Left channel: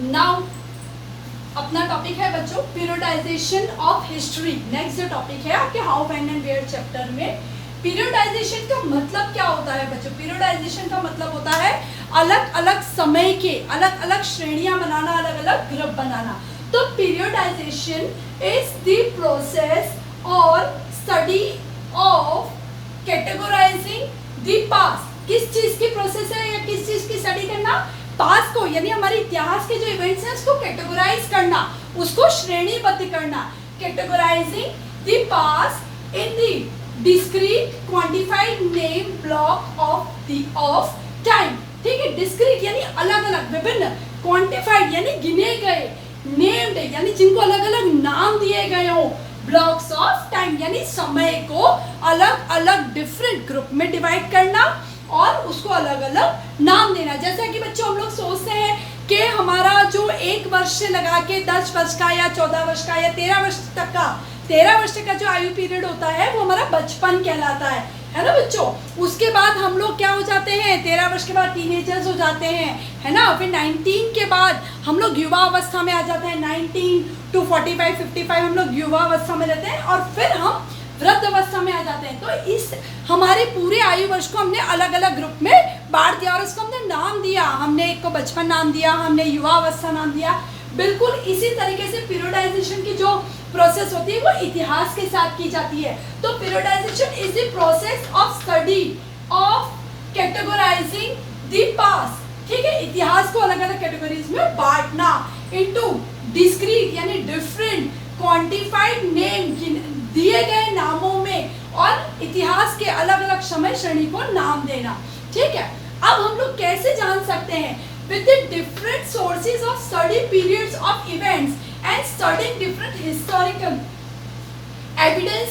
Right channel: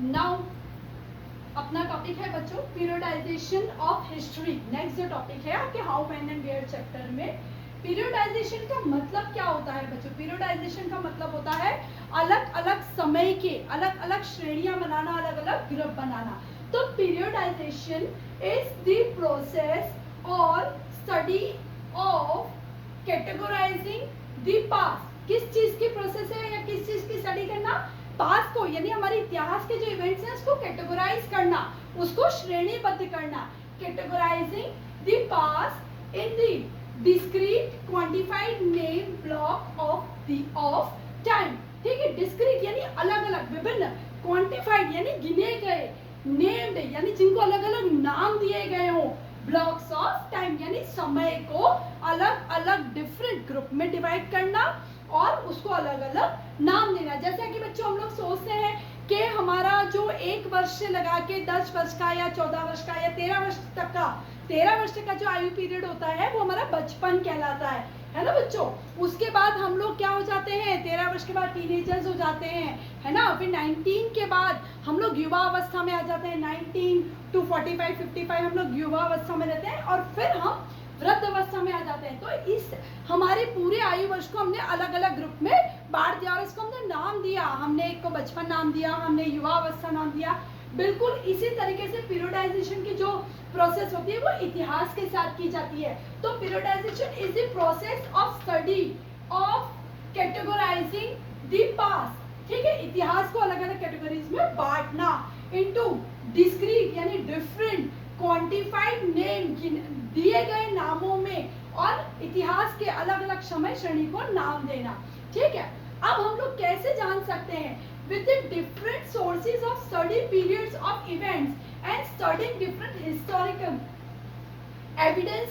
Now अपना topic है बच्चों पीरियडाइजेशन ऑफ हिस्ट्री। नेक्स्ट जो टॉपिक है आपके how when and where chapter में पीरियडाइजेशन का मतलब क्या होता है बच्चों। पीरियडाइजेशन का मतलब होता है अलग अलग समय के अलग अलग श्रेणियां बनाना, अलग अलग ग्रुप बनाना। तो पीरियडाइजेशन इज द प्रोसेस और study of categorising the past. किस चीज की प्रोसेस है या किस चीज की स्टडी करना? पास्ट को, यानी हमारे इतिहास के जो इवेंट्स हैं उसको कैटेगराइज करना, उसको श्रेणीबद्ध करना। Categorising the past in the discrete quantified name block of time. ठीक है, डिस्क्रीट यानी अलग अलग, विभिन्न, क्वांटिफाइड यानी गिने गए, नेम्ड यानी जिनको अलग अलग नाम दिए गए हो, ब्लॉक्स ऑफ टाइम यानी समय को अलग अलग डिफरेंट ग्रुप में डिवाइड करना और उसको अलग अलग नाम देना। जैसा कि बच्चों हम लोग सोचते हैं कि हमारा जो 1 वर्ष से लगा के 10 वर्ष का या 14 वर्ष का या 13 वर्ष तक का 13 वर्ष का जो आयु पीरियड होता है वो हमारा बचपन कहलाता है ना बच्चों। उसके बाद हम लोग क्या हो जाते हैं, 13 वर्ष के बाद टीनेजर्स हो जाते हैं, है ना। फिर 19 के बाद हम लोग युवा अवस्था में आ जाते हैं। 19 to 45 55 हम लोग युवा अवस्था में रहते हैं और फिर हम वृद्ध अवस्था में आ जाते हैं। तो इस हमारे पूरे आयु वर्ष को हमने अलग अलग ग्रुप में बांट दिया और उसको हमने नाम दिया। हमने एक को बचपन नाम दिया, हमने युवा अवस्था नाम दिया। बिल्कुल इसी तरीके से पीरियडाइजेशन की जो प्रोसेस होती है वो इतिहास के साथ की जाती है। तो periodisation is the process of study of categorising the past. ठीक है, इतिहास को अलग अलग कैटेगरीज में बांटना इनटू डिस्क्रीट यानी डिफरेंट क्वांटिफाइड नेम, दिए गए नामों में और इतिहास के अलग अलग समय श्रेणी को नाम देना। ठीक है, अब हम लोग कैसे जान सकते हैं? With the different sources of study periods of events and studying different historical evidence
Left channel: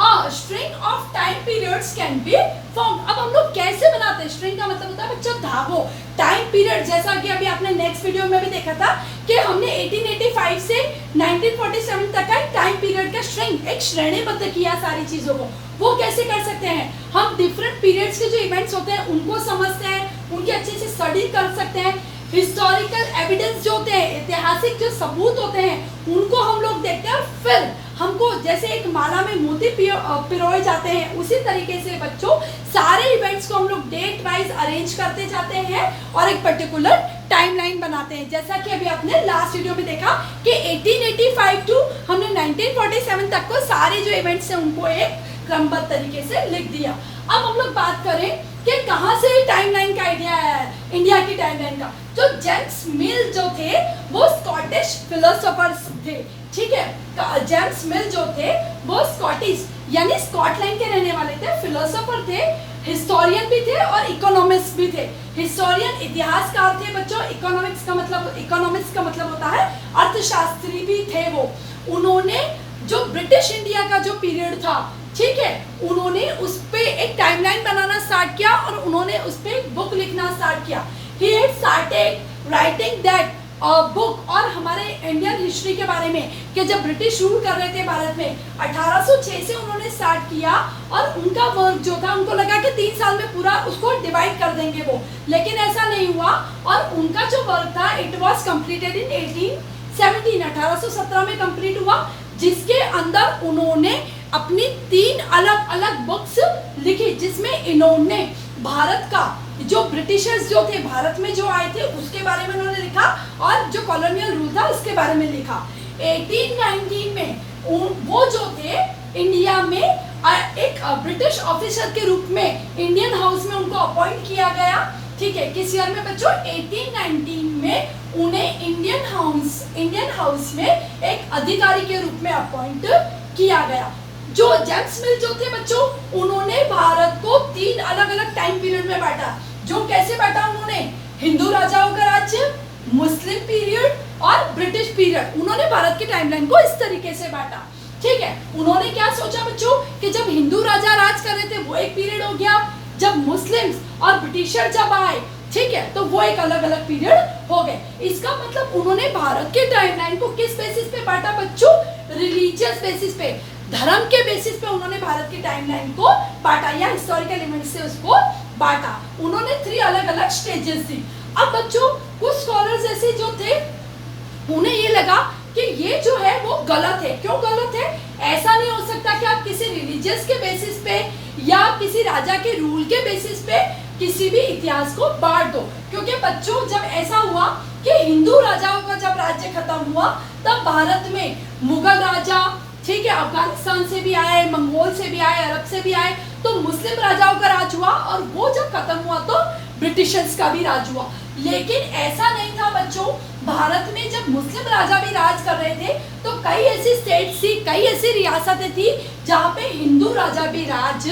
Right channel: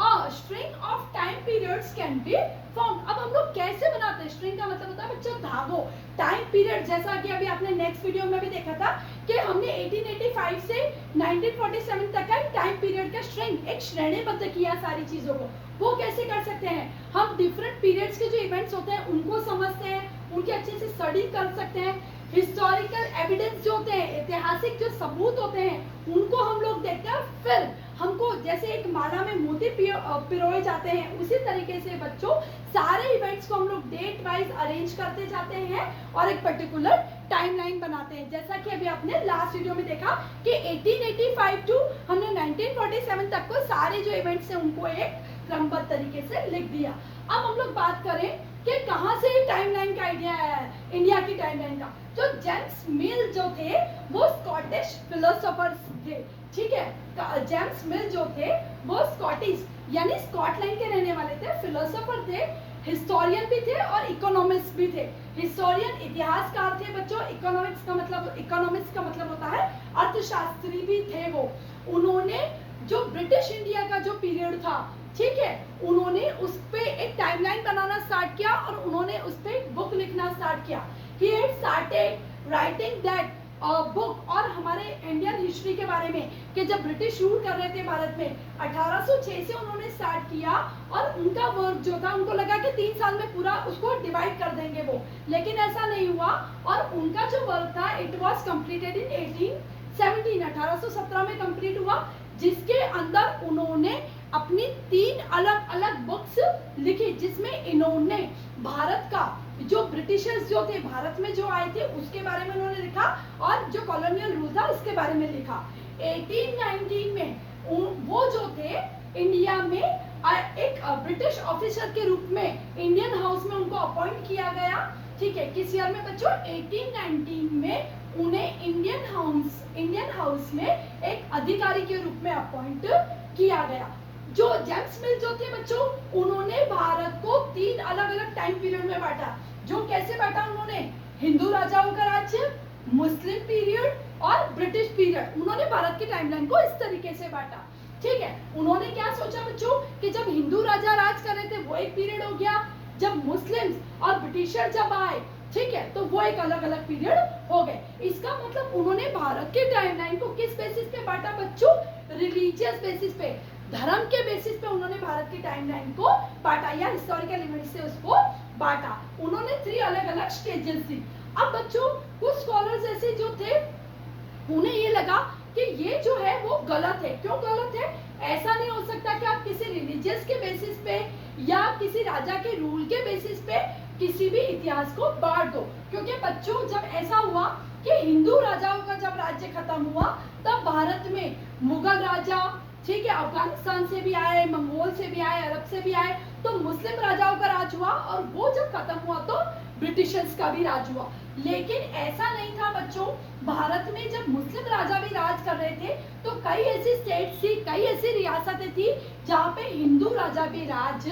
और string of time periods can be form. अब हम लोग कैसे बनाते हैं? स्ट्रिंग का मतलब होता है बच्चों धागों। टाइम पीरियड, जैसा कि अभी आपने नेक्स्ट वीडियो में भी देखा था कि हमने 1885 से 1947 तक का टाइम पीरियड का स्ट्रिंग, एक श्रेणीबद्ध किया सारी चीजों को। वो कैसे कर सकते हैं? हम डिफरेंट पीरियड्स के जो इवेंट्स होते हैं उनको समझते हैं, उनकी अच्छे से स्टडी कर सकते हैं। हिस्टोरिकल एविडेंस जो होते हैं, ऐतिहासिक जो सबूत होते हैं उनको हम लोग देखते हैं। फिर हमको जैसे एक माला में मोती पिरोए जाते हैं उसी तरीके से बच्चों सारे इवेंट्स को हम लोग डेट वाइज अरेंज करते जाते हैं और एक पर्टिकुलर टाइमलाइन बनाते हैं। जैसा कि अभी आपने लास्ट वीडियो में देखा कि 1885 टू हमने 1947 तक को सारे जो इवेंट्स हैं उनको एक क्रमबद्ध तरीके से लिख दिया। अब हम लोग बात करें कि कहाँ से टाइमलाइन का आइडिया आया है, इंडिया की टाइमलाइन का। जो जेम्स मिल जो थे वो स्कॉटिश फिलोसोफर्स थे। ठीक है, जेम्स मिल जो थे वो स्कॉटिश यानी स्कॉटलैंड के रहने वाले थे, फिलोसोफर थे, हिस्टोरियन भी थे और इकोनॉमिस्ट भी थे। हिस्टोरियन इतिहासकार थे बच्चों, इकोनॉमिक्स का मतलब होता है अर्थशास्त्री भी थे वो। उन्होंने जो ब्रिटिश इंडिया का जो पीरियड था, ठीक है, उन्होंने उस पे एक टाइमलाइन बनाना स्टार्ट किया और उन्होंने उस पे एक बुक लिखना स्टार्ट किया। He had started writing that book और हमारे इंडियन हिस्ट्री के बारे में कि जब ब्रिटिश रूल कर रहे थे भारत में 1806 से उन्होंने स्टार्ट किया और उनका वर्क जो था उनको लगा कि 3 साल में पूरा उसको डिवाइड कर देंगे वो, लेकिन ऐसा नहीं हुआ और उनका जो वर्क था इट वाज कंप्लीटेड इन 1817 में कंप्लीट हुआ, जिसके अंदर उन्होंने अपनी 3 अलग अलग बुक्स लिखी, जिसमें इन्होंने भारत का जो ब्रिटिशर्स जो थे भारत में जो आए थे उसके बारे में उन्होंने लिखा और जो कॉलोनियल रूल था उसके बारे में लिखा। 1819 में वो जो थे इंडिया में एक ब्रिटिश ऑफिसर के रूप में इंडियन हाउस में उनको अपॉइंट किया गया। ठीक है, किस ईयर में बच्चों? 1819 में उन्हें इंडियन हाउस में एक अधिकारी के रूप में अपॉइंट किया गया। जो जेम्स मिल जो थे बच्चों उन्होंने भारत को 3 अलग अलग टाइम पीरियड में बांटा। जो कैसे बांटा उन्होंने? हिंदू राजाओं का राज्य, मुस्लिम पीरियड और ब्रिटिश पीरियड। उन्होंने भारत की टाइमलाइन को इस तरीके से बांटा। ठीक है, उन्होंने क्या सोचा बच्चों कि जब हिंदू राजा राज कर रहे थे वो एक पीरियड हो गया, जब मुस्लिम्स और ब्रिटिशर जब आए, ठीक है, तो वो एक अलग अलग पीरियड हो गए। इसका मतलब उन्होंने भारत के टाइमलाइन को किस बेसिस पे बांटा बच्चों? रिलीजियस बेसिस पे, धर्म के बेसिस पे उन्होंने भारत की टाइमलाइन को बांटा या हिस्टोरिकल इवेंट से उसको बांटा। उन्होंने 3 अलग अलग स्टेजेस दी। अब बच्चों कुछ स्कॉलर्स ऐसे जो थे उन्हें ये लगा कि ये जो है वो गलत है। क्यों गलत है? ऐसा नहीं हो सकता कि आप किसी रिलीजियस के बेसिस पे या किसी राजा के रूल के बेसिस पे किसी भी इतिहास को बांट दो। क्योंकि बच्चों जब ऐसा हुआ कि हिंदू राजाओं का जब राज्य खत्म हुआ तब भारत में मुगल राजा, ठीक है, अफगानिस्तान से भी आए, मंगोल से भी आए, अरब से भी आए, तो मुस्लिम राजाओं का राज हुआ और वो जब खत्म हुआ तो ब्रिटिशर्स का भी राज हुआ। लेकिन ऐसा नहीं था बच्चों, भारत में जब मुस्लिम राजा भी राज कर रहे थे तो कई ऐसी स्टेट्स थी, कई ऐसी रियासतें थी जहाँ पे हिंदू राजा भी राज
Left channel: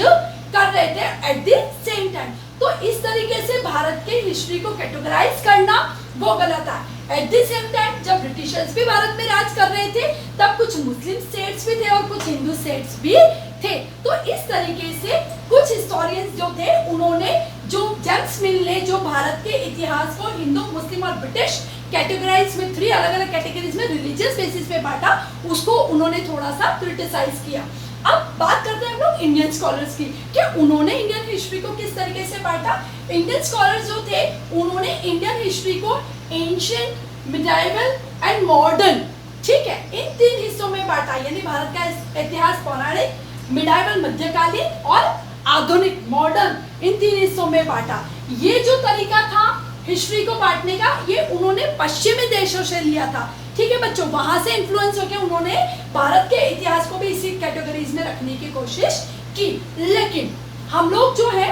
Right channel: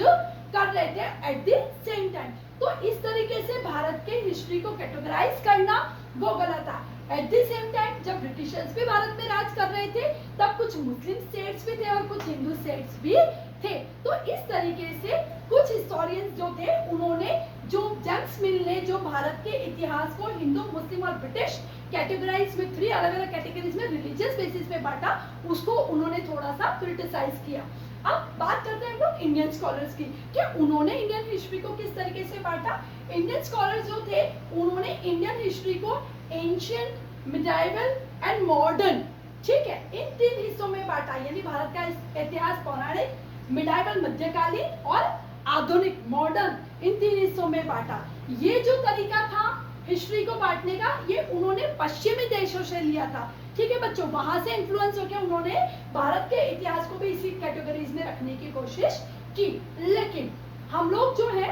कर रहे थे एट द सेम टाइम। तो इस तरीके से भारत के हिस्ट्री को कैटेगराइज करना वो गलत है। एट द सेम टाइम जब ब्रिटिशर्स भी भारत में राज कर रहे थे तब कुछ मुस्लिम स्टेट्स भी थे और कुछ हिंदू स्टेट्स भी थे। तो इस तरीके से कुछ हिस्टोरियंस जो थे उन्होंने जो जेम्स मिल ने जो भारत के इतिहास को हिंदू, मुस्लिम और ब्रिटिश कैटेगराइज में 3 अलग अलग कैटेगरीज में रिलीजियस बेसिस पे बांटा, उसको उन्होंने थोड़ा सा क्रिटिसाइज किया। अब बात करते हैं हम लोग इंडियन स्कॉलर्स की कि उन्होंने इंडियन हिस्ट्री को किस तरीके से बांटा। इंडियन स्कॉलर्स जो थे उन्होंने इंडियन हिस्ट्री को एंशिएंट, मिडाइवल एंड मॉडर्न, ठीक है, इन 3 हिस्सों में बांटा। यानी भारत का इतिहास पौराणिक, मिडाइवल मध्यकालीन और आधुनिक मॉडर्न, इन 3 हिस्सों में बांटा। ये जो तरीका था हिस्ट्री को बांटने का ये उन्होंने पश्चिमी देशों से लिया था, ठीक है बच्चों, वहां से इन्फ्लुएंस होकर उन्होंने भारत के इतिहास को भी इसी कैटेगरीज में रखने की कोशिश की। लेकिन हम लोग जो है,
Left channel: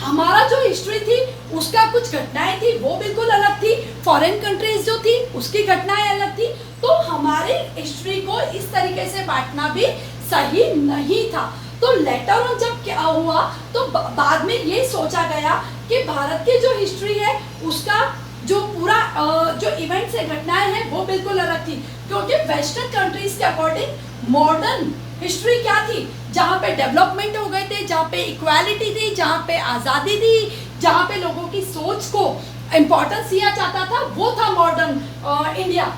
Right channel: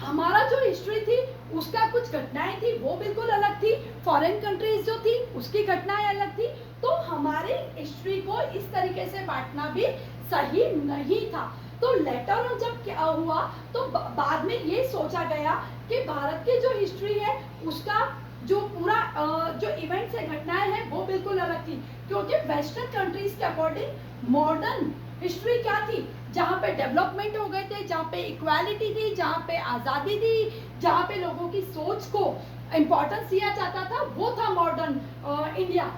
हमारा जो हिस्ट्री थी उसका कुछ घटनाएं थी वो बिल्कुल अलग थी, फॉरेन कंट्रीज जो थी उसकी घटनाएं अलग थी। तो हमारे हिस्ट्री को इस तरीके से बांटना भी सही नहीं था। तो लेटर ऑन जब क्या हुआ तो बाद में ये सोचा गया कि भारत की जो हिस्ट्री है उसका जो पूरा जो इवेंट्स है, घटनाएं हैं वो बिल्कुल अलग थी। क्योंकि वेस्टर्न कंट्रीज के अकॉर्डिंग मॉडर्न हिस्ट्री क्या थी, जहाँ पे डेवलपमेंट हो गए थे, जहाँ पे इक्वालिटी थी, जहाँ पे आज़ादी थी, जहाँ पे लोगों की सोच को इम्पोर्टेंस दिया जाता था, वो था मॉडर्न इंडिया,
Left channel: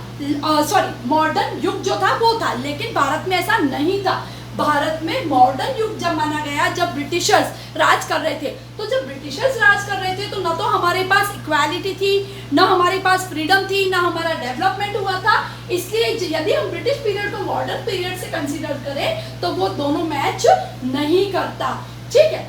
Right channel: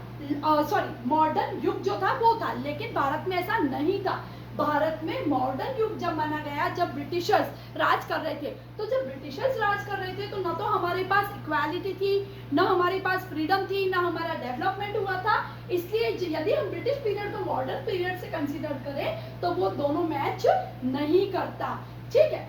सॉरी मॉडर्न युग जो था वो था। लेकिन भारत में ऐसा नहीं था। भारत में मॉडर्न युग जब माना गया जब ब्रिटिशर्स राज कर रहे थे, तो जब ब्रिटिशर्स राज कर रहे थे तो ना तो हमारे पास इक्वालिटी थी, ना हमारे पास फ्रीडम थी, ना हमारा डेवलपमेंट हुआ था। इसलिए यदि हम ब्रिटिश पीरियड को मॉडर्न पीरियड से कंसीडर करें तो वो दोनों मैच नहीं करता, ठीक है।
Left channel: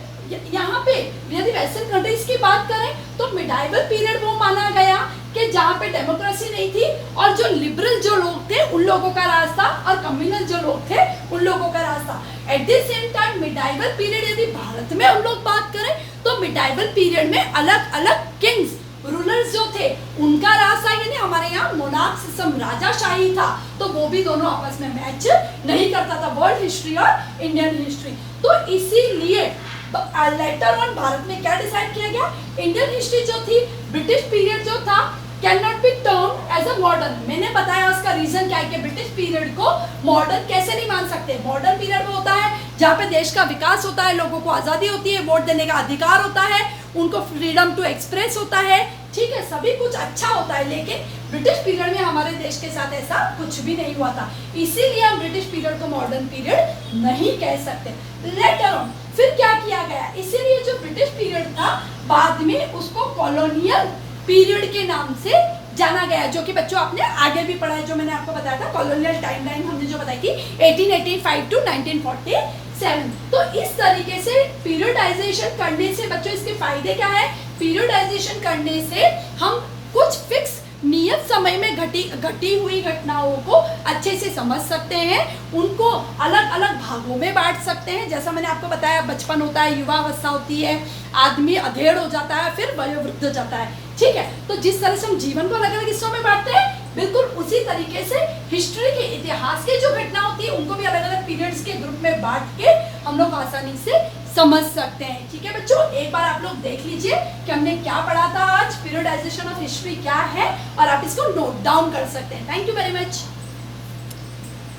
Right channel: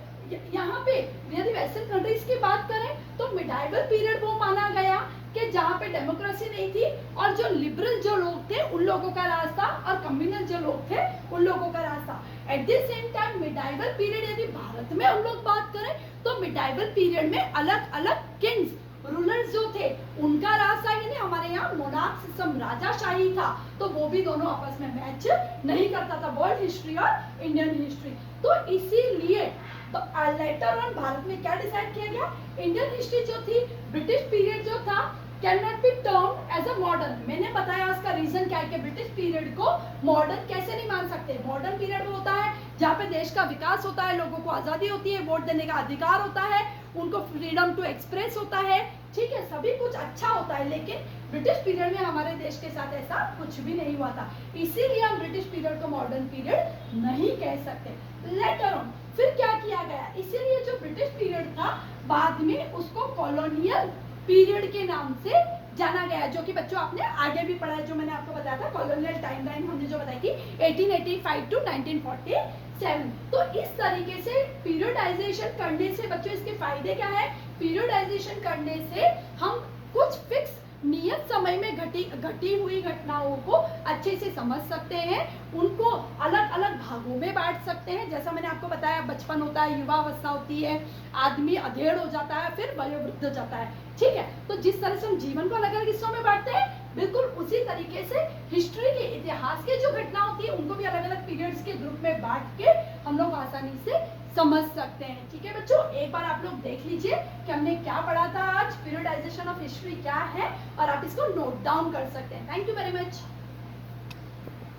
यहाँ पे यदि वेस्टर्न कंट्रीज की बात करें तो मिडाइवल पीरियड वो माना गया कि जहाँ पे डेमोक्रेसी नहीं थी और जो लिबरल जो लोग थे उन लोगों का राज था और कम्युनल जो लोग थे उन लोगों का राज था। At the same time medieval period यदि भारत में हम लोग बात करें तो मिडाइवल पीरियड में अलग अलग किंग्स, रूलर्स जो थे उनका राज था। यानी हमारे यहाँ मोनार्क सिस्टम, राजाशाही था, तो वो भी दोनों आपस में मैच नहीं करता था, वर्ल्ड हिस्ट्री और इंडियन हिस्ट्री। तो इसीलिए लेटर ऑन भारत में क्या डिसाइड किया गया, इंडियन हिस्ट्री जो थी, ब्रिटिश पीरियड जो था can not be term as a modern. मैंने बताया उसका रीजन क्या है कि ब्रिटिश पीरियड को मॉडर्न कैसे नहीं मान सकते। मॉडर्न पीरियड वो होता है जहाँ पे देश का विकास होता है, लोगों को आज़ादी होती है, वोट देने का अधिकार होता है, उनको फ्रीडम टू एक्सप्रेस होता है, ठीक है, सभी कुछ अच्छा होता है। लेकिन ब्रिटिश पीरियड में हमारे देश के साथ ऐसा कुछ भी नहीं हुआ था, इसीलिए हम ब्रिटिश पीरियड को मॉडर्न पीरियड नहीं कह सकते। लेटर ऑन फिर क्या किया गया, इसीलिए जो ब्रिटिश पीरियड था बाद में उसको कॉलोनियल पीरियड के नाम से जाना गया, जो कि बच्चों आपने आगे भी पढ़ा है, जो मैंने आपको बताया था कॉलोनियल टाइमलाइन हमने जो बताई थी 1885 टू 1947। तो इस तरीके से पीरियडाइजेशन करने से बच्चों इसके फायदे क्या है, पीरियडाइजेशन करने से हम कुछ फिक्स नियत समय में घटी हुई घटनाओं को अच्छे से समझ सकते हैं, उनको अलग अलग भागों में बांट सकते हैं। जैसा मैंने आपको बताया, बचपन होता है, युवावस्था होती है, आदमी अधेड़ हो जाता है, फिर वयोवृद्ध हो जाता है, ठीक है। तो जिस तरह से हम जीवन को अलग अलग हिस्सों में बांटते हैं, बिल्कुल उसी तरीके से हिस्ट्री के, इतिहास के जो घटना होती है उनको भी अलग अलग पीरियड्स के ग्रुप में बांट के हम लोग आसानी से समझ सकते हैं, ठीक है बच्चों। एक बार आप लोग देख लीजिए कि हमने क्या पढ़ा था आज, पीरियडाइजेशन ऑफ हिस्ट्री क्या है, और आप इसको नोट डाउन कर सकते हैं। Thank you very much.